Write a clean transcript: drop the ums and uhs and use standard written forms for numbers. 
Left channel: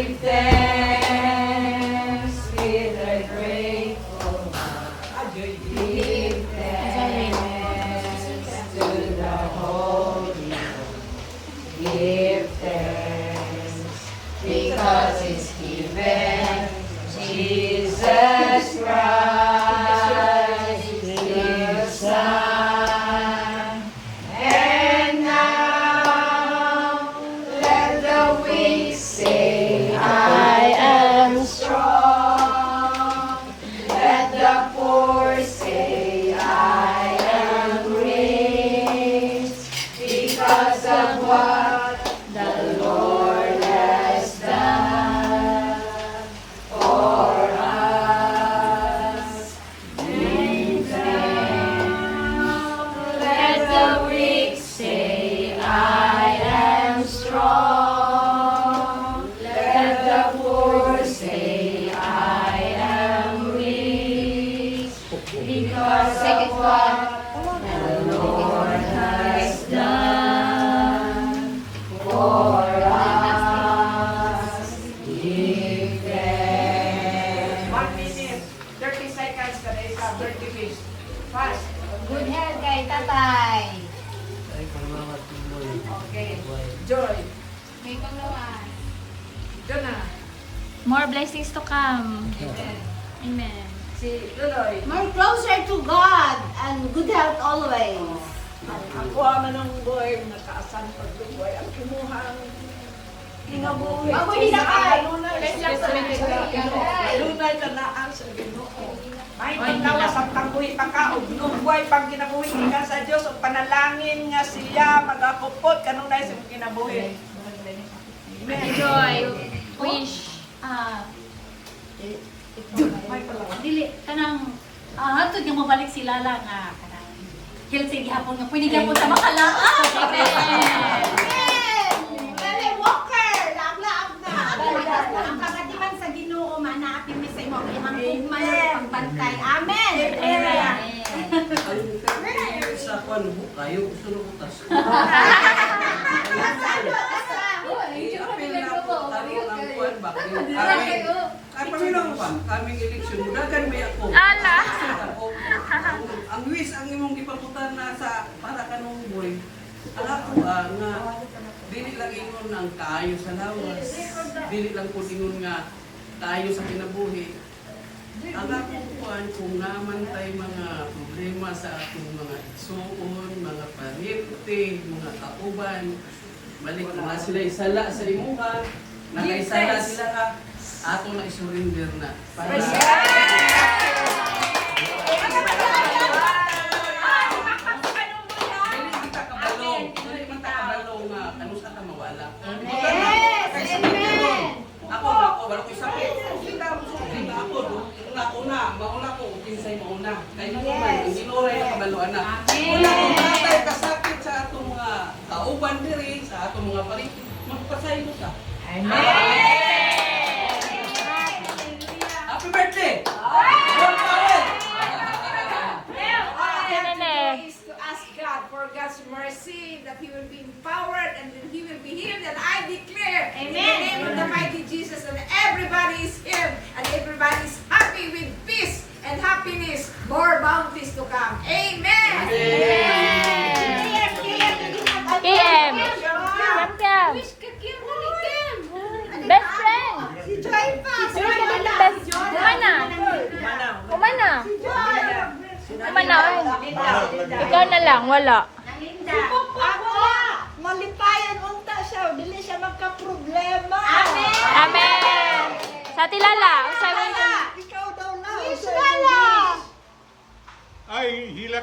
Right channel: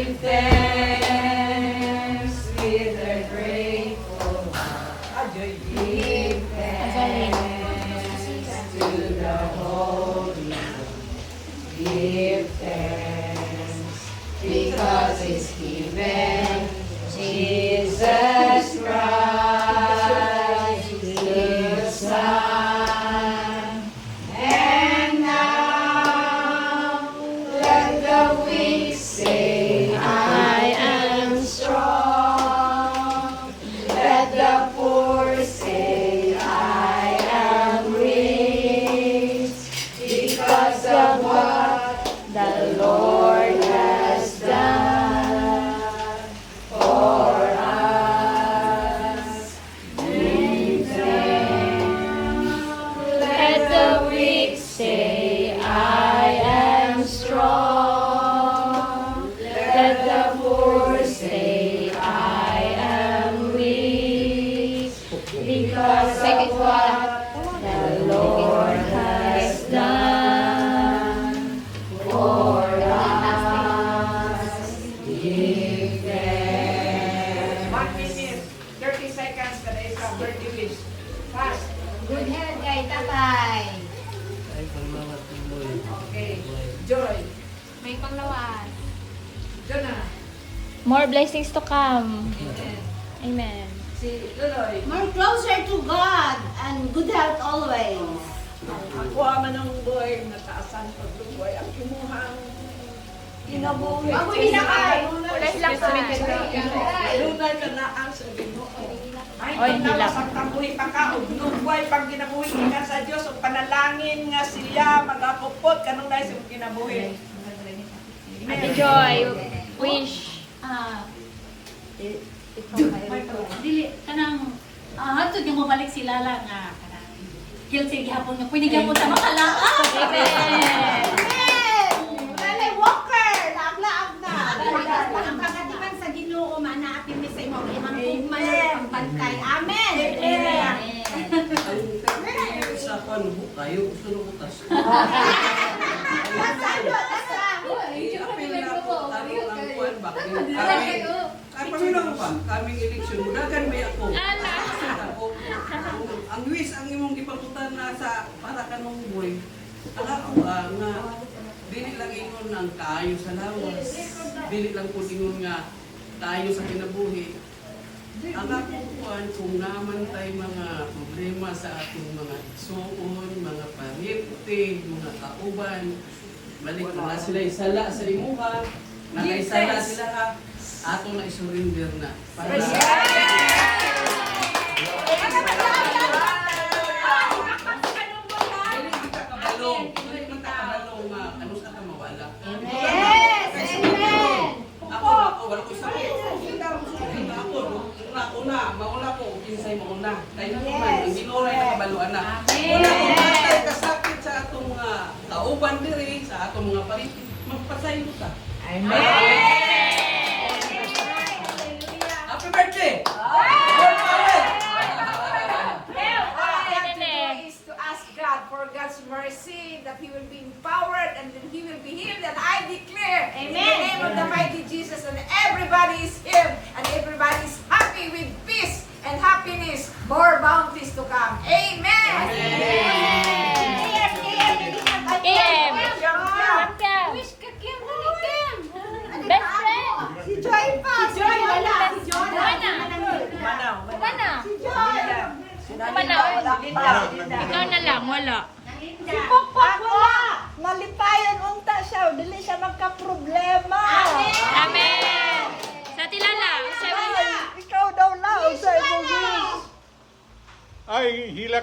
Give thanks with a grateful heart. Give thanks to the Holy One. Give thanks because it's given Jesus Christ, His Son. And now let the weak say, I am strong. Let the poor say, I am rich, because of what the Lord has done for us. Give thanks. Let the weak say, I am strong. Let the poor say, I am rich, because of what the Lord has done for us. Give thanks. 1 minute, 30 seconds ka na isa, 30 minutes. Fast. Good health kay tatay. Okay. Joy. May panglawas. Jonah. More blessings to come. Amen. Amen. Si Luloy. More closer to God and good health always. Ako man ang boy, nakaasan pagluboy. Ang kimuhang inabuhi. Ako hinakay. Let's lang sa Lunay na naan sa Ginoo. Ay, paglawas ang tangguhi pagkaog. Nubuhay pag ginabuhi nga sa Diyos. O panalangin nga siya, magakupot. Kanunay sa ginabuhi. Amen. Joy, wish, Dili kanang hatod yung mabalik si Lala nga kanang guilty gihapon nga pwede gihapon sa makalaan. Lala Walker, laag-laag na. Ang kagatiman sa Ginoo manaapin mi sa imo imong tugman ang pagbantay. Amen. Sa kwan mo kayo sunod utas. Kaming eleksyon, dagan may ako. Ala! Ang wish, ang imong gipaputan na sa para kanong boy. Ang ako nga, dili lang ingon ang kaayo sa lawas. Dili lang po ingon nga kaayo sa kinabuhi. Ang ako kuan kung naman tay mga problema sa atong mga igsoon, mga pariente, mga kauban, balik na sila isala sa imuha, nakaisala sila ka, ato na isurrender na. Para dili man ta kabalo nga ano sa ta mawala. Ako wala ko sakit. Una, mauna ko, kinsay mauna. Kaya naman, hindi ko rin nakabaluan na. Una ko matay kasakit sa atong mga kauban diri, sa atong mga pariti, magpasay ko sa. Amen. Happy birthday! Is to ask God for God's mercy, that He will be empowered and that He will be healed. And I declare, in the name of the mighty Jesus, and everybody is healed, and everybody is happy with peace and happiness, more bounties to come. Amen. EM. Amen. Wish ka Kim, dali Kim. Best friend. Si Joy pa. Si Joy, wala. Umana. Umana. Umana. Ikaw na lang, wala. Si Papa wala. Malipayan unta siya, dili siya magka-problema. Amen. Amen. Sa tilala. Ikaw daw lang. Wish wala. Ay, hilak